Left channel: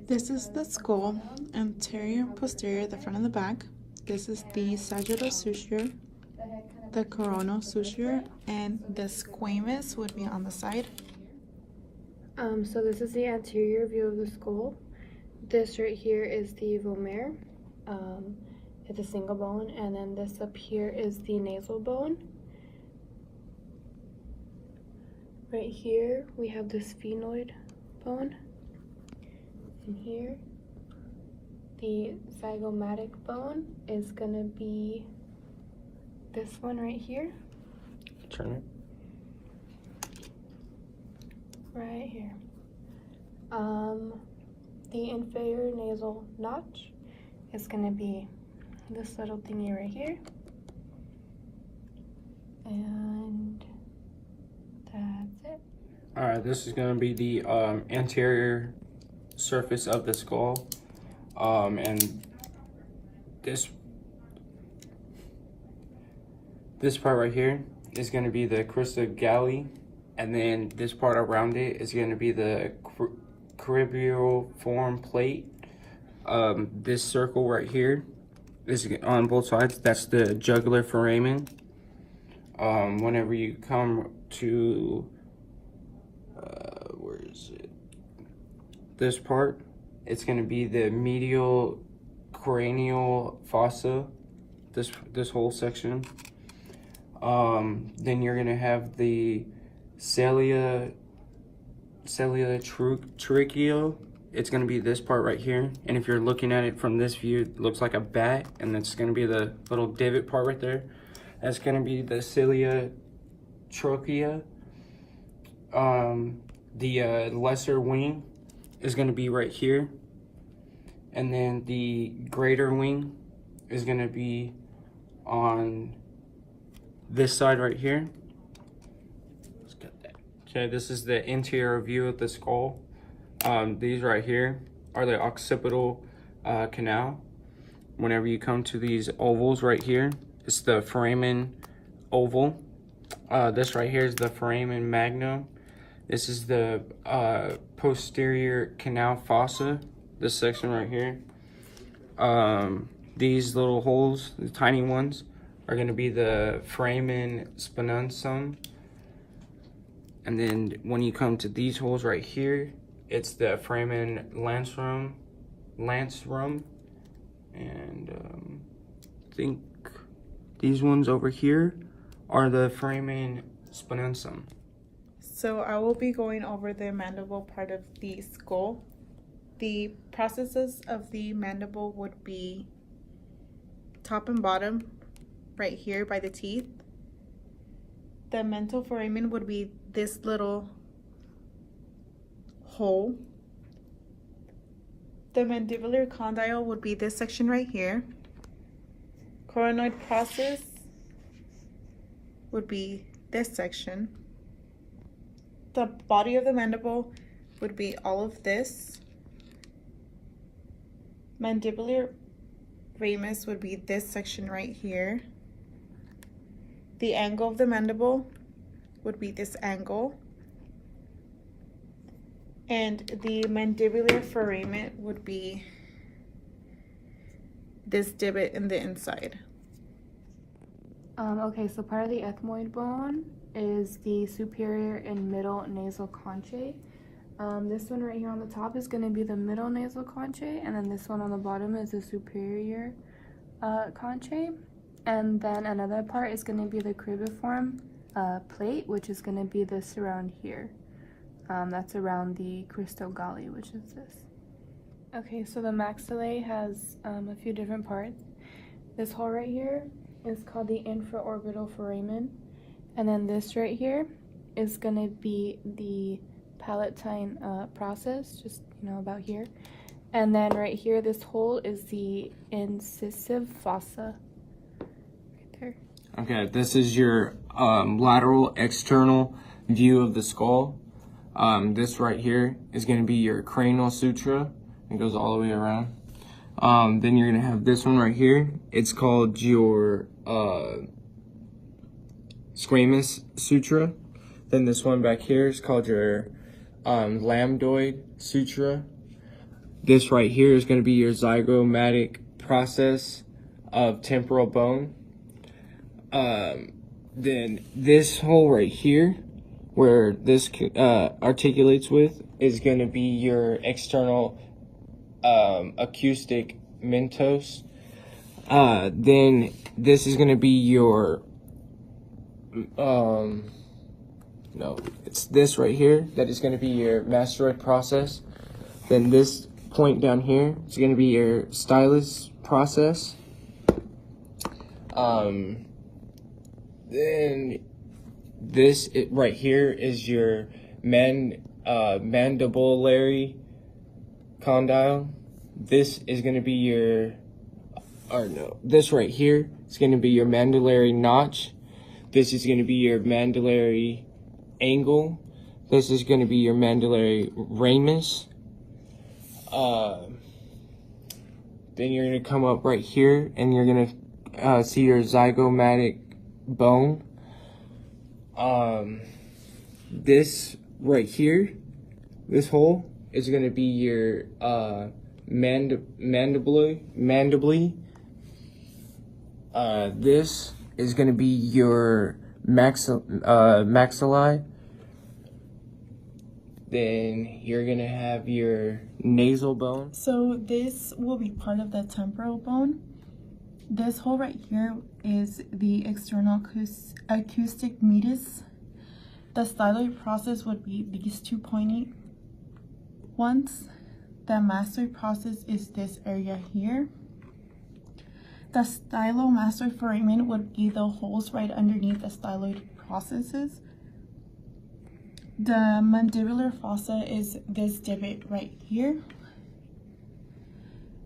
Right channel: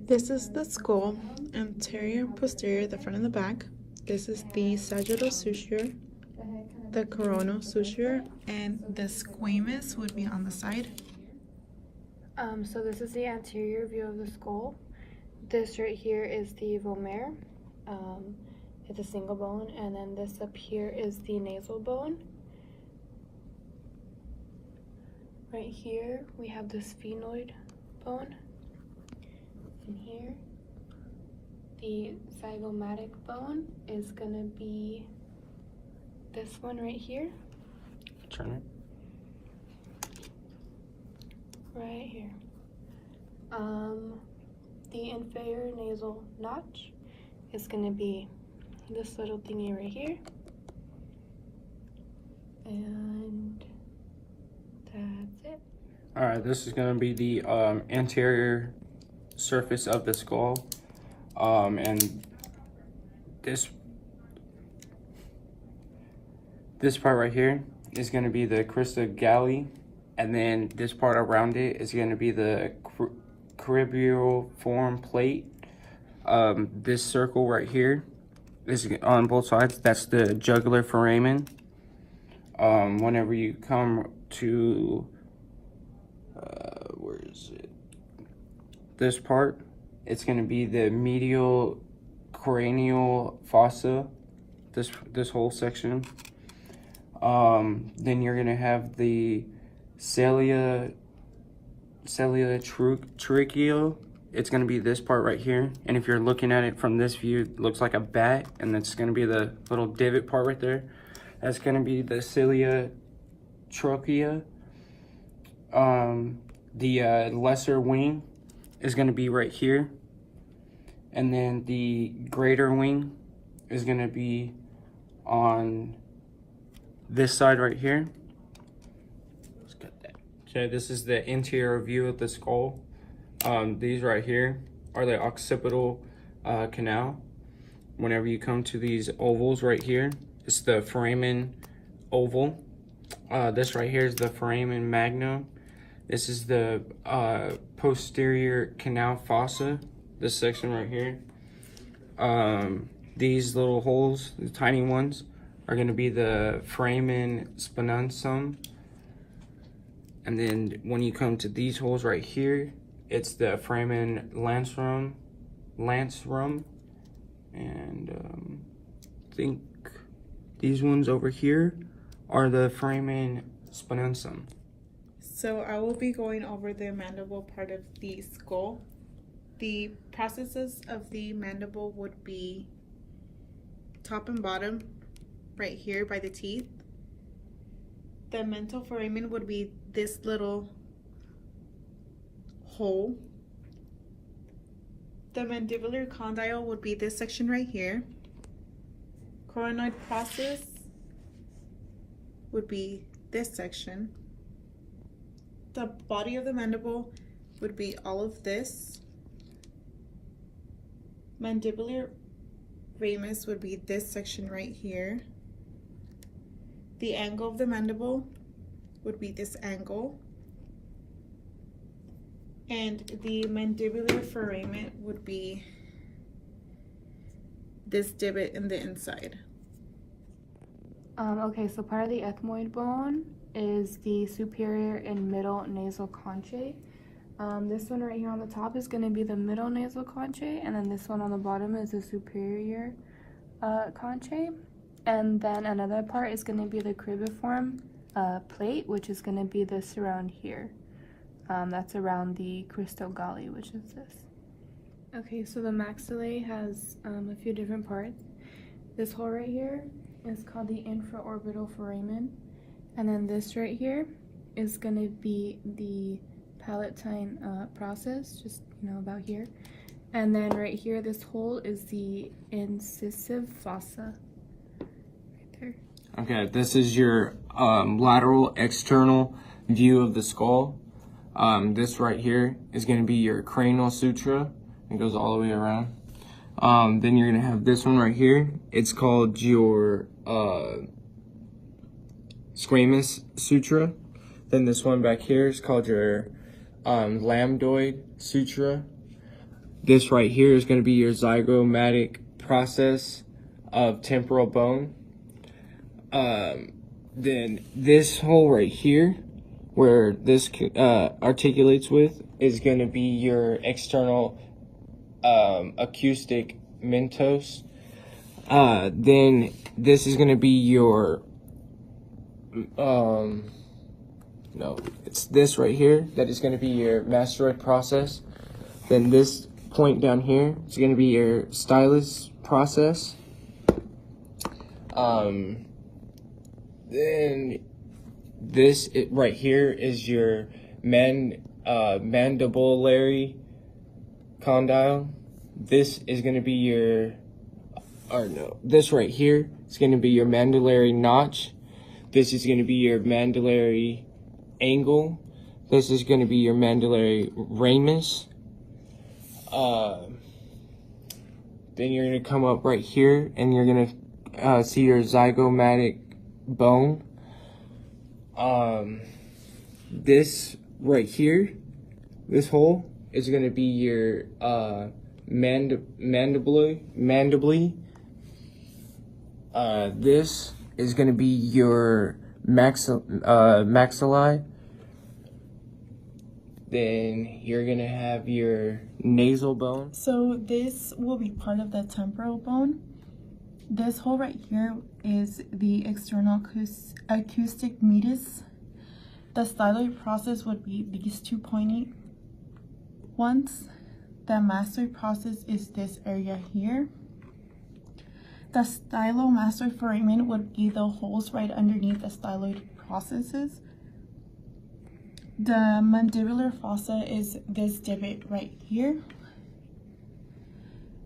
This is the skull, anterior, posterior, the front and the back. This is the sagittal suture, the coronal suture, and the squamous would be on the side. So this is the anterior view of the skull. This right here is the vomer. It's a single bone, and then this up here is the nasal bone. Right here we have the sphenoid bone. And here, the zygomatic bone is gonna be this one right here. Turn it. Right here. The inferior nasal notch is gonna be this little thingy right here. And that's it. All right, this is gonna be the anterior surface of the skull, and this part right here is going to be the crista galli, and then this part around it is going to be the cribriform plate. This circle right here is on both sides. That's the jugular foramen. Whenever you come to where is it? This part, it's going to be the medial cranial fossa, this whole section. Then you're going to have the cilia tracheal. It's going to be this part right here, and if you're looking at it from this view, it looks like a bat, and that's going to be the little divot part right there. That's going to be the cilia trachea. The lesser wing is going to be right here, and then the greater wing is going to be on this side right here. Okay, this is the interior view of the skull. These right here are the occipital canal. Whenever you come to these ovals right here, it's the foramen oval. This right here is the foramen magnum. This is the posterior canal fossa, this section right here. These little holes, the tiny ones, are going to be the foramen sponensum. And then when you come to these holes right here, it's the foramen lancrum. And I think these ones over here are the foramen sponensum. So I will be going over the mandible part of the skull. The processes of the mandible would be top and bottom, right here by the teeth. The mental foramen would be this little hole. The mandibular condyle would be this section right here. Coronoid process would be this section. The body of the mandible would be all of this. Mandibular ramus would be this section right here. The angle of the mandible would be this angle. And the mandibular foramen would be this divot in the inside. Okay, so part of the ethmoid bone is the superior and middle nasal conchae. This one right here on the top is going to be the middle nasal conchae, and then this one on the bottom is the superior conchae. And then another part is going to be the cribriform plate, which is going to be this around here. That's around the crista galli, which is this. Okay, so the maxillae has a few different parts. This hole right here is called the infraorbital foramen, and then this right here is going to be the palatine process, just about here. And then right here, this hole is the incisive fossa. Right there. Okay, this is your lateral external view of the skull. This right here is going to be your cranial sutura. It goes all the way around. Then you're going to have this one right here. It's called your squamous sutura. Then this one back here is called your lambdoid sutura. this right here is going to be your zygomatic process of temporal bone. Then this hole right here, where this articulates with, is going to be your external acoustic mentos. Then this is going to be your no, it's this right here that is going to be your mastoid process. Then this point down here is going to be your stylus process. Then this right here is your mandibulary condyle. This is going to be your, or no, this right here is going to be your mandibulary notch. This is going to be your mandibulary angle. This is going to be your mandibulary ramus. Then you're going to come up right here and you're going to see your zygomatic bone. This right here, this hole is going to be your mandibly. This is going to be your maxillae. Then you're going to have your nasal bone. So this will be part of the temporal bone. This hole right here is the external acoustic meatus. The styloid process would be these two pointy ones. The mastoid process is this area here. The stylomastoid foramen would be the holes right underneath the styloid processes. The mandibular fossa is this divot right here.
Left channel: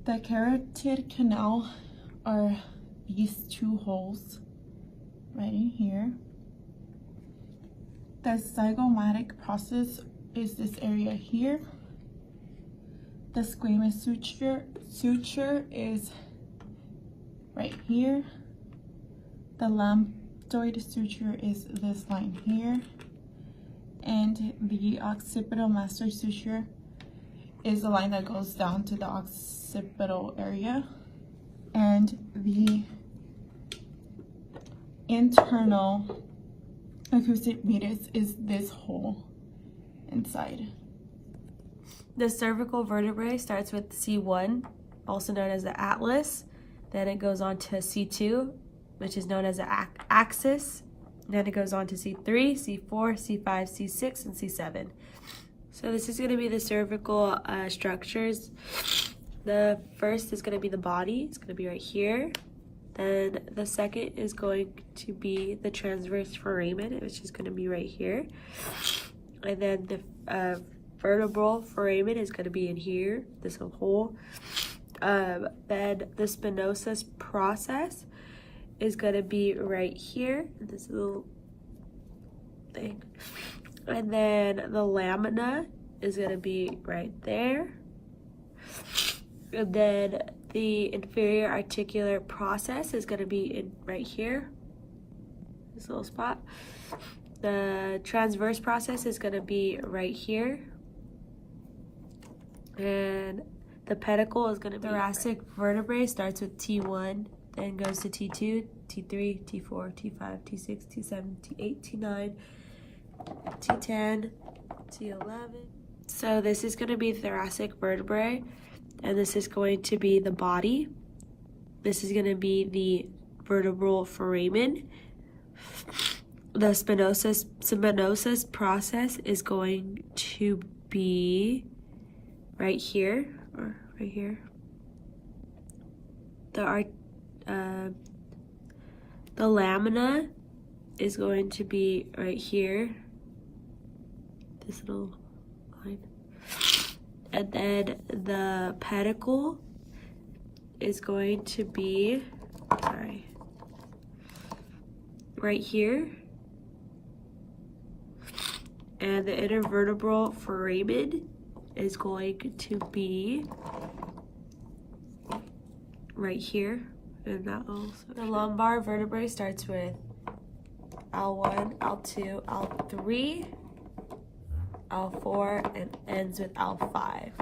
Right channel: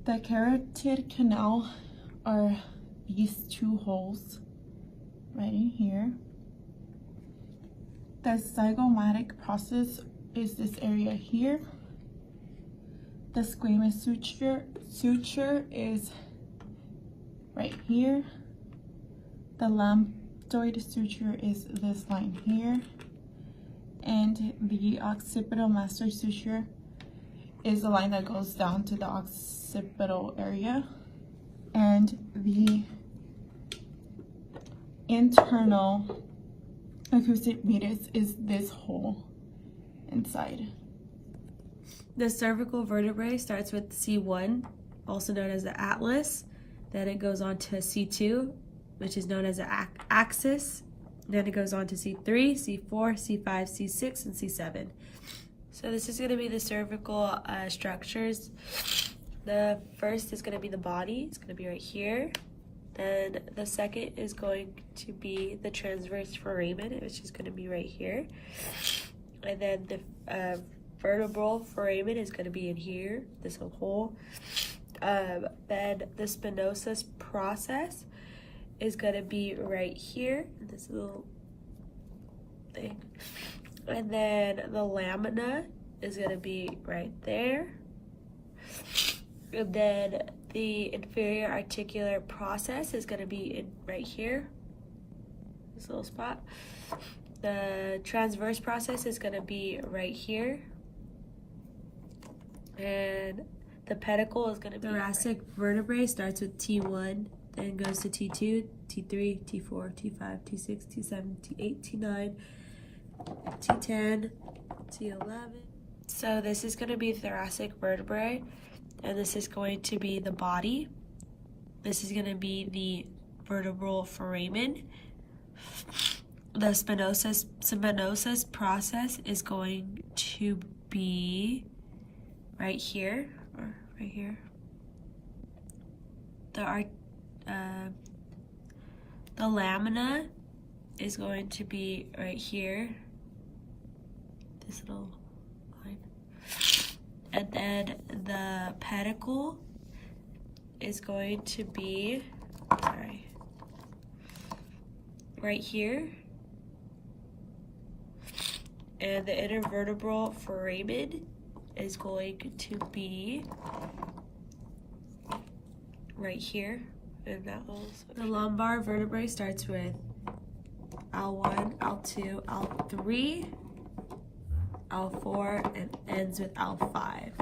The carotid canal are these two holes right in here. The zygomatic process is this area here. The squamous suture is right here. The lambdoid suture is this line here. And the occipital mastoid suture is the line that goes down to the occipital area. And the internal acoustic meatus is this hole inside. The cervical vertebrae starts with C1, also known as the atlas. Then it goes on to C2, which is known as the axis. Then it goes on to C3, C4, C5, C6, and C7. So this is going to be the cervical structures. The first is going to be the body. It's going to be right here. Then the second is going to be the transverse foramen, which is going to be right here. And then the vertebral foramen is going to be in here, this hole. Then the spinosus process is going to be right here, this little thing. And then the lamina is going to be right there. And then the inferior articular process is going to be in right here, this little spot. The transverse process is going to be right here. And the pedicle is going to be... Thoracic vertebrae starts with T1, then goes to T2, T3, T4, T5, T6, T7, T8, T9, T10, T11. So this is going to be thoracic vertebrae, and this is going to be the body. This is going to be the vertebral foramen. The spinosus process is going to be right here, or right here. The lamina is going to be right here, this little line. And then the pedicle is going to be, right here. And the intervertebral foramen is going to be right here. And that also. The lumbar vertebrae starts with L1, L2, L3, L4, and ends with L5.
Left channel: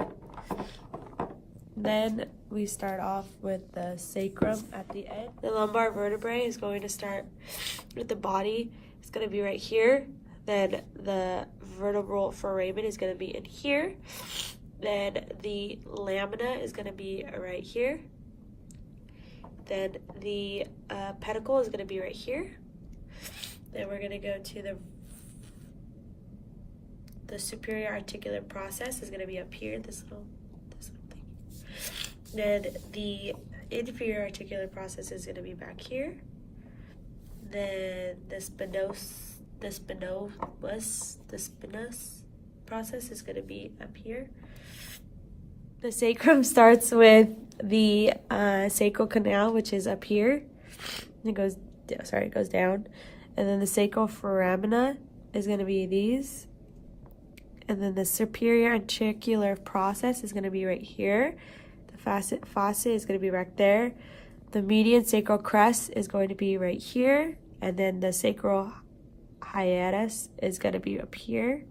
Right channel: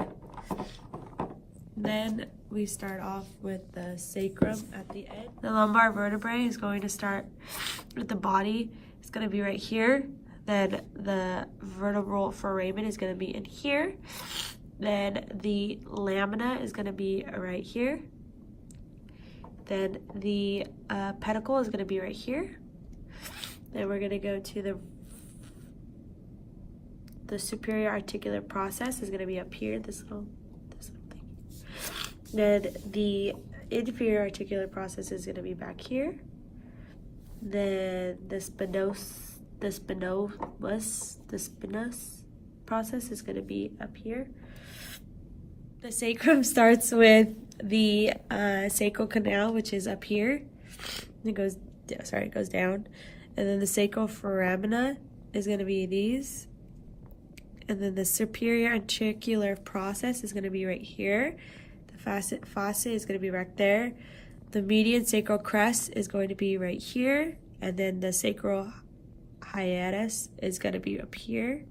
Then we start off with the sacrum at the end. The lumbar vertebrae is going to start with the body. It's going to be right here. Then the vertebral foramen is going to be in here. Then the lamina is going to be right here. Then the pedicle is going to be right here. Then we're going to go to the superior articular process is going to be up here, this little thing. Then the inferior articular process is going to be back here. Then the spinous process is going to be up here. The sacrum starts with the sacral canal, which is up here. It goes down. And then the sacral foramina is going to be these. And then the superior articular process is going to be right here. The fossa is going to be right there. The median sacral crest is going to be right here. And then the sacral hiatus is going to be up here.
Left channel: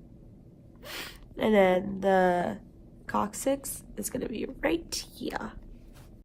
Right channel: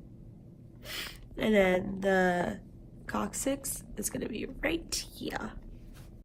And then the coccyx is going to be right here.